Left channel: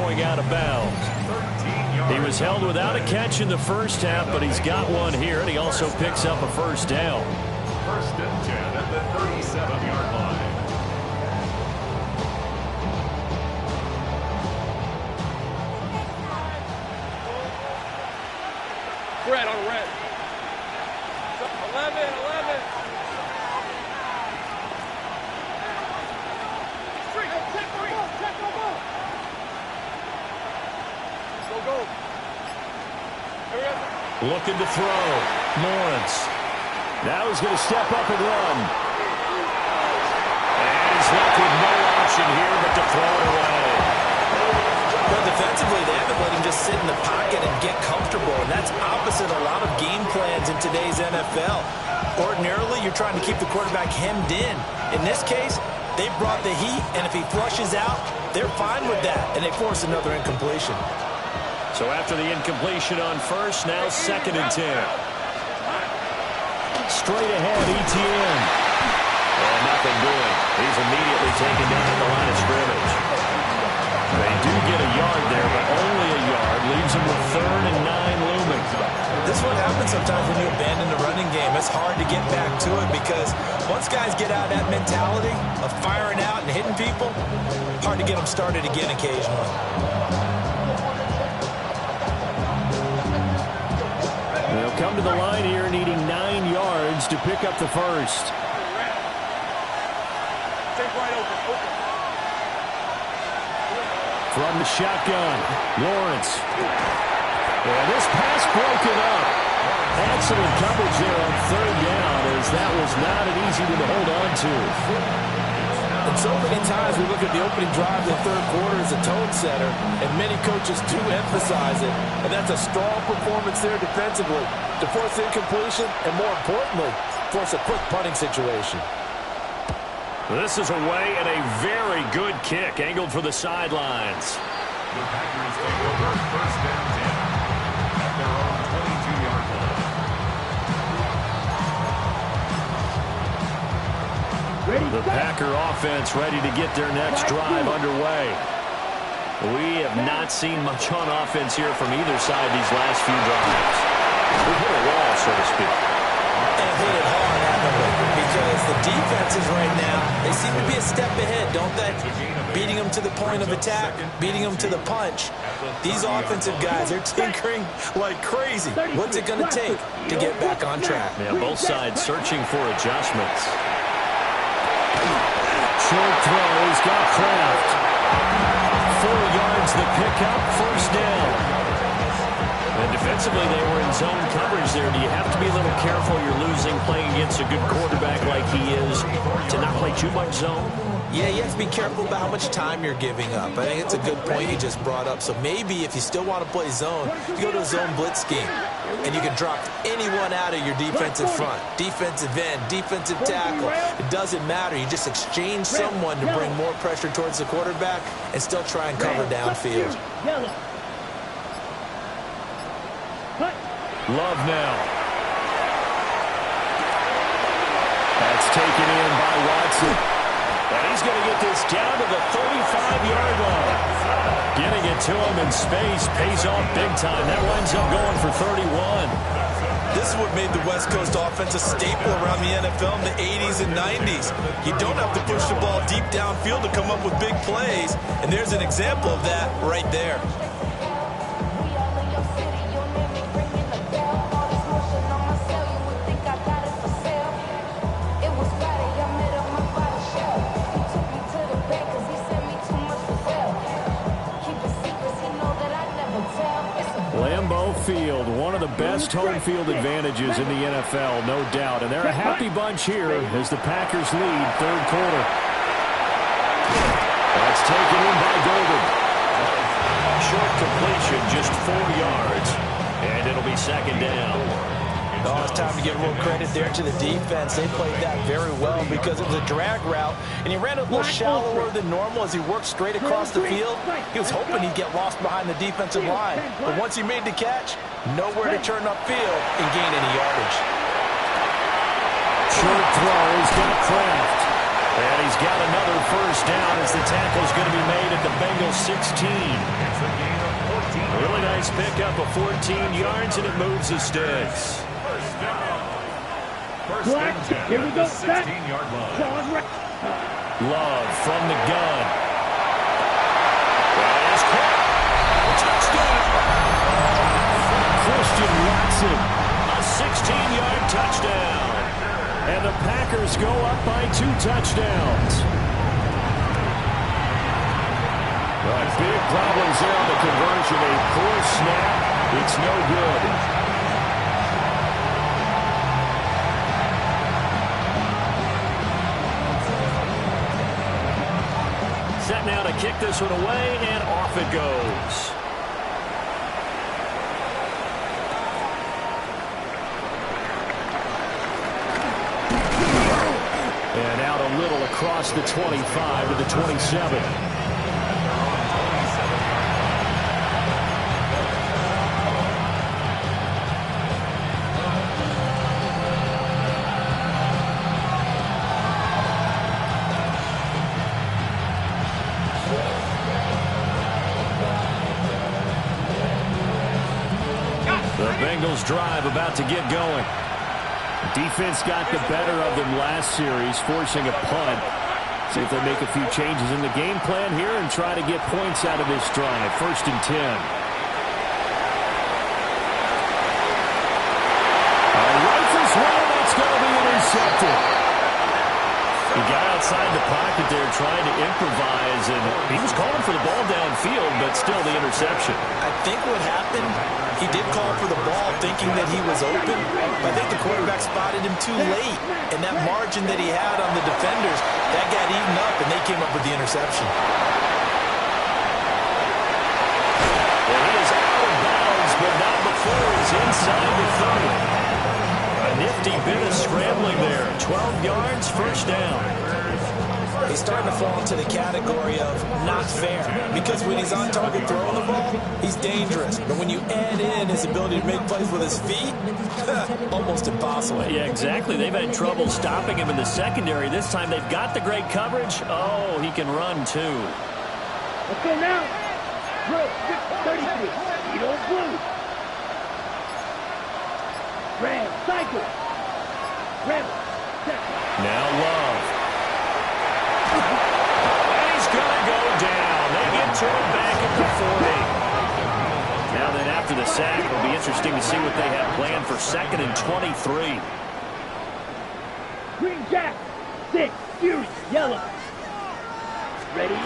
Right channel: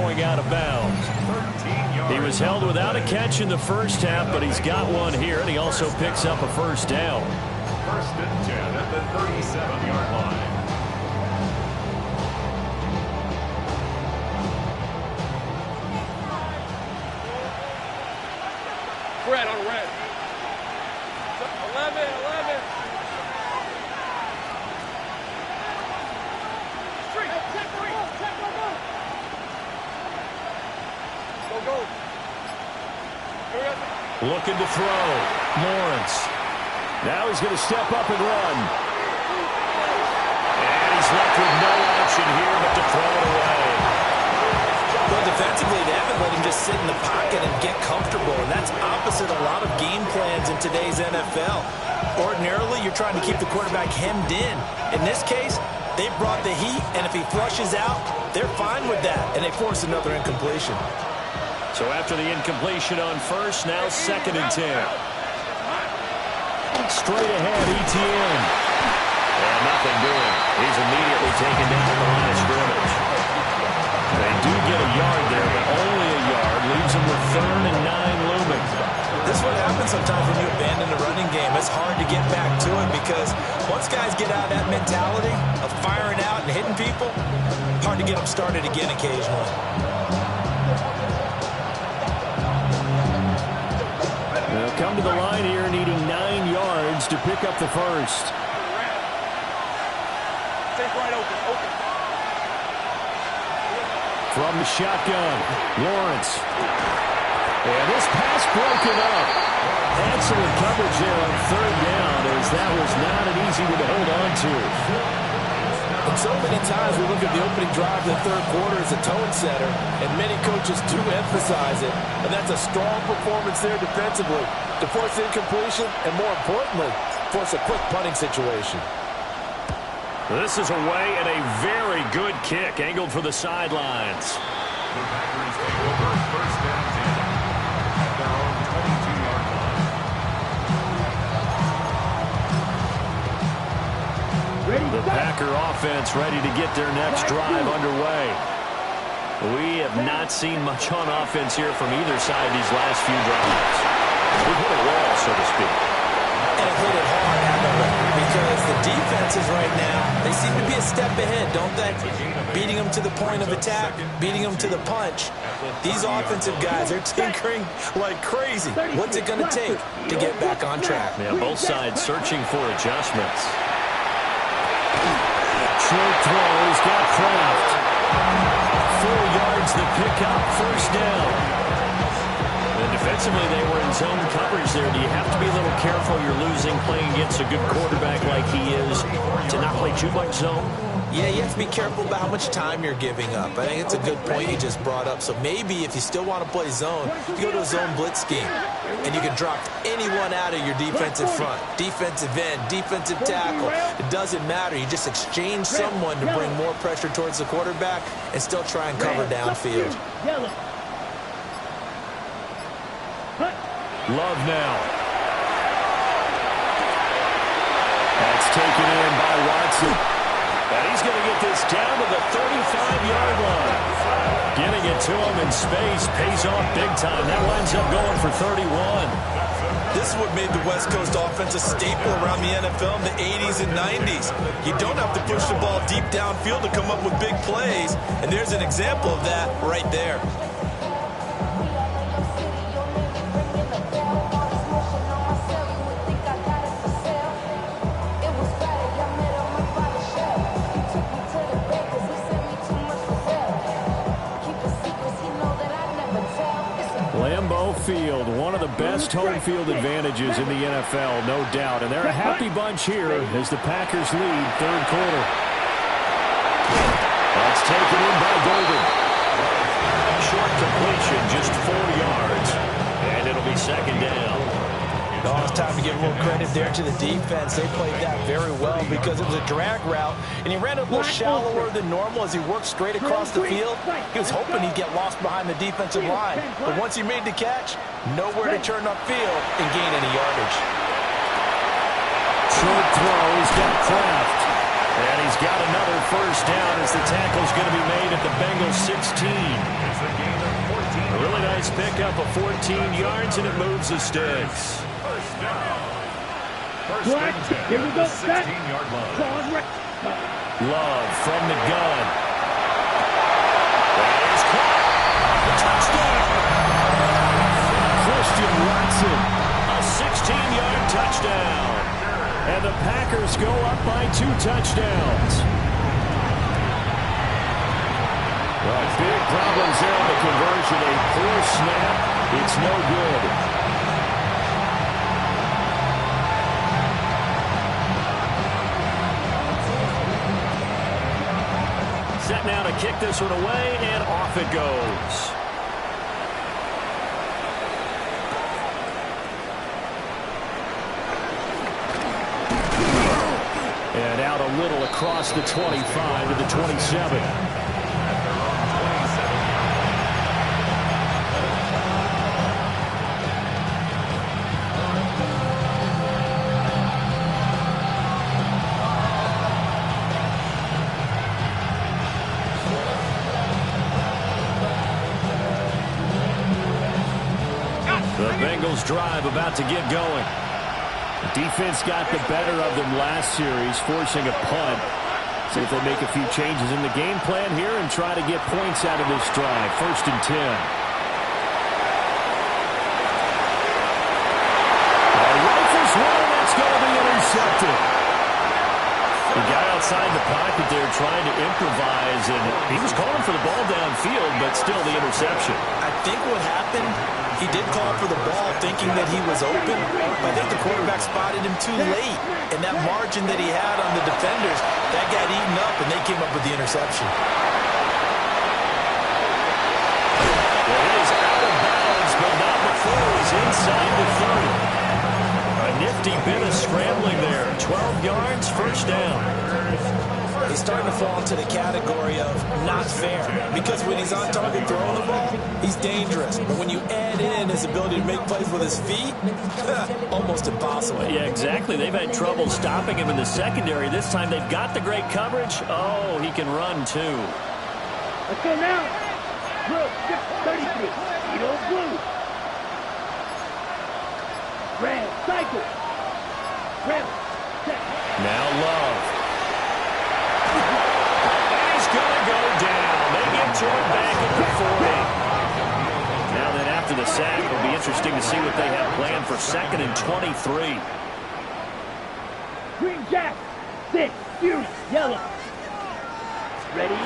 going out of bounds. He was held without a catch in the first half, but he's got one here, and he also picks up a first down. First and 10 at the 37-yard line. Red on red. 11. Go. Looking to throw. Lawrence. Now he's going to step up and run. And he's left with no option here but to throw it away. Well, defensively, they haven't let him just sit in the pocket and get comfortable, and that's opposite a lot of game plans in today's NFL. Ordinarily, you're trying to keep the quarterback hemmed in. In this case, they brought the heat, and if he flushes out, they're fine with that, and they force another incompletion. So after the incompletion on first, now 2nd and 10. Straight ahead, Etienne. And nothing doing. He's immediately taken down at the line of scrimmage. They do get a yard there, but only a yard. Leaves them with 3rd and 9 looming. This is what happens sometimes when you abandon the running game. It's hard to get back to it because once guys get out of that mentality of firing out and hitting people, hard to get them started again occasionally. They'll come to the line here needing 9 yards to pick up the first. Take right open. From the shotgun, Lawrence. And this pass broken up. Excellent coverage there on 3rd down, as that was not an easy one to hold on to. And so many times we look at the opening drive in the 3rd quarter as a tone setter, and many coaches do emphasize it. And that's a strong performance there defensively to force incompletion and, more importantly, force a quick punting situation. This is away and a very good kick, angled for the sidelines. The Packers take over 1st and 10 at their own 22-yard line. The Packer offense ready to get their next drive underway. We have not seen much on offense here from either side these last few drives. We've hit a wall, so to speak. And hit it hard, haven't we? Because the defenses right now, they seem to be a step ahead, don't they? Beating them to the point of attack, beating them to the punch. These offensive guys, they're tinkering like crazy. What's it going to take to get back on track? Yeah, both sides searching for adjustments. Short throw, he's got Kraft. 4 yards the pickup, first down. And defensively, they were in zone coverage there. Do you have to be a little careful? You're losing playing against a good quarterback like he is to not play too much zone? Yeah, you have to be careful about how much time you're giving up. I think it's a good point you just brought up. So maybe if you still want to play zone, you go to a zone blitz scheme. And you can drop anyone out of your defensive front. Defensive end, defensive tackle. It doesn't matter. You just exchange someone to bring more pressure towards the quarterback and still try and cover downfield. Love now. That's taken in by Watson. And he's going to get this down to the 35-yard line. Getting it to him in space pays off big time. That winds up going for 31. This is what made the West Coast offense a staple around the NFL in the 80s and 90s. You don't have to push the ball deep downfield to come up with big plays. And there's an example of that right there. Lambeau Field, one of the best home field advantages in the NFL, no doubt. And they're a happy bunch here as the Packers lead 3rd quarter. That's taken in by Golden. Short completion, just 4 yards. And it'll be 2nd down. Oh, it's time to give a little credit there to the defense. They played that very well because it was a drag route, and he ran a little shallower than normal as he worked straight across the field. He was hoping he'd get lost behind the defensive line, but once he made the catch, nowhere to turn upfield and gain any yardage. Short throw, he's got Kraft. And he's got another first down as the tackle's going to be made at the Bengals 16. It's a gain of 14. A really nice pickup of 14 yards, and it moves the sticks. First down. First Black, and 10 here we at go. the 16-yard line. Love from the gun. That is caught. Touchdown. Christian Watson, a 16-yard touchdown. And the Packers go up by 2 touchdowns. But big problems there on the conversion. A poor snap. It's no good. Set now to kick this one away, and off it goes. And out a little across the 25 to the 27. At their own 27-yard The Bengals drive about to get going. The defense got the better of them last series, forcing a punt. See if they make a few changes in the game plan here and try to get points out of this drive. 1st and 10. Rifles one, that's going to be intercepted. He got outside the pocket there trying to improvise, and he was calling for the ball downfield, but still the interception. I think what happened, he did call for the ball thinking that he was open, but I think the quarterback spotted him too late. And that margin that he had on the defenders, that got eaten up, and they came up with the interception. Well, he is out of bounds, but not before he's inside the 30. A nifty bit of scrambling there. 12 yards, first down. He's starting to fall into the category of not fair, because when he's on target throwing the ball, he's dangerous. But when you add in his ability to make plays with his feet, almost impossible. Yeah, exactly. They've had trouble stopping him in the secondary. This time they've got the great coverage. Oh, he can run too. Let's go now. Drill 633. Edo blue. Red, cycle. Rebel, second. Now Love. And he's going to go down. They get to it back at the 40. Now then, after the sack, it'll be interesting to see what they have planned for 2nd and 23. Green Jack, 6, Fury, yellow. Ready?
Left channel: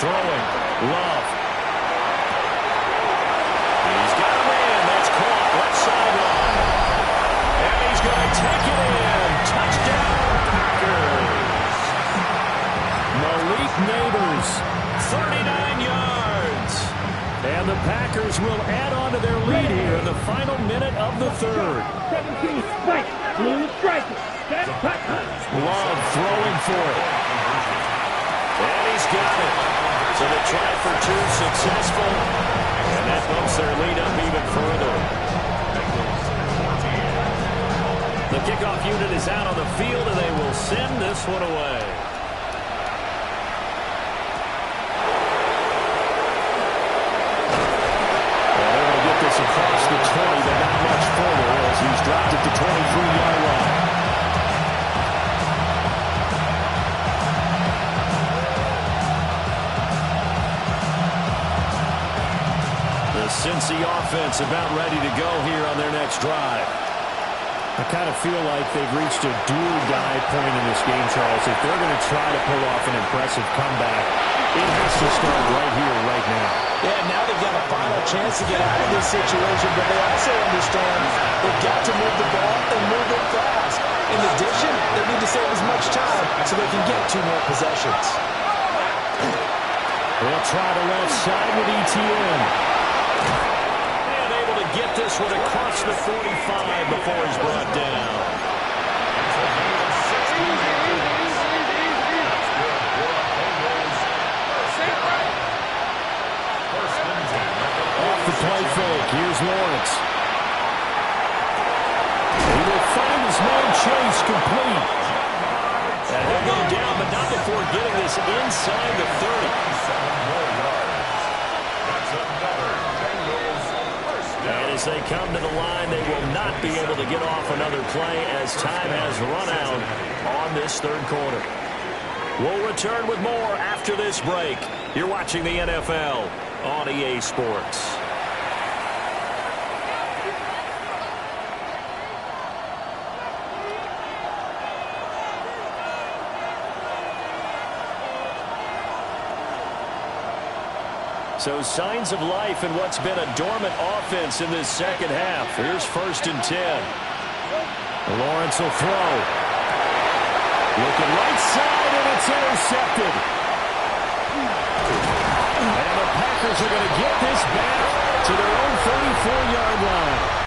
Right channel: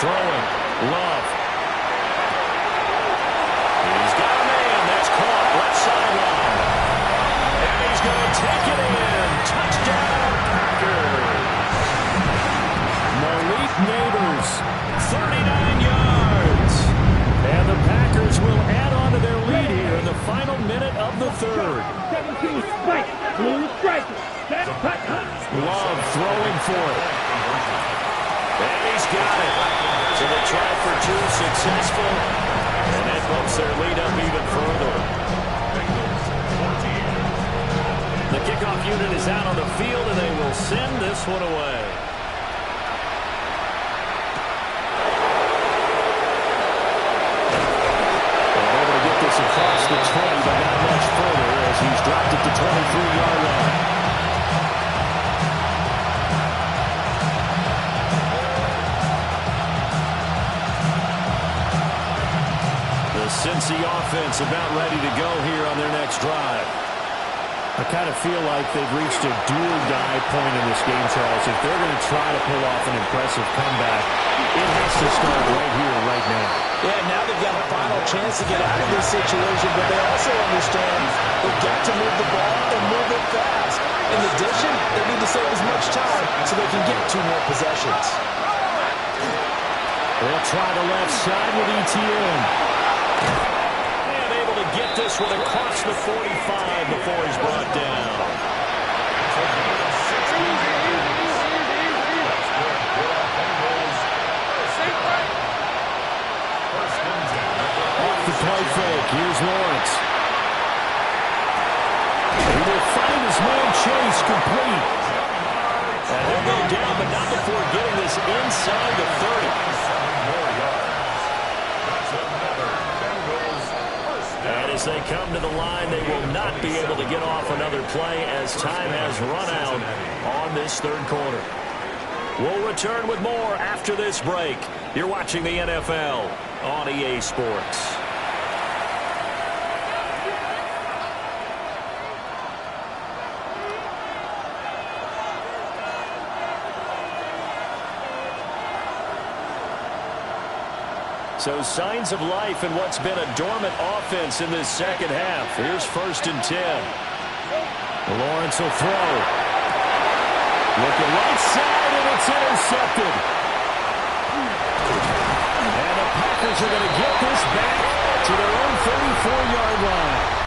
Throwing. Love. He's got a man. That's caught. Left sideline. And he's going to take it in. Touchdown, Packers. Malik Neighbors, 39 yards. And the Packers will add on to their lead here in the final minute of the 3rd. 17, Spike, blue striker. Love throwing for it. And he's got it. So they tried for 2, successful. And that bumps their lead up even further. The kickoff unit is out on the field, and they will send this one away. Well, able to get this across the 20, but not much further as he's dropped it to 23-yard line. The Cincy offense about ready to go here on their next drive. I kind of feel like they've reached a do-or-die point in this game, Charles. If they're going to try to pull off an impressive comeback, it has to start right here, right now. Yeah, now they've got a final chance to get out of this situation, but they also understand they've got to move the ball and move it fast. In addition, they need to save as much time so they can get 2 more possessions. They'll try the left side with Etienne. To get this one across the 45 before he's brought down. Off the play fake, here's Lawrence. He will find his man Chase complete. And he'll go down, but not before getting this inside the 30. 7 more yards. That's another Bengals first down. And as they come to the line, they will not be able to get off another play as time has run out on this third quarter. We'll return with more after this break. You're watching the NFL on EA Sports. So signs of life in what's been a dormant offense in this second half. Here's 1st and 10. Lawrence will throw. Looking right side, and it's intercepted. And the Packers are going to get this back to their own 34-yard line.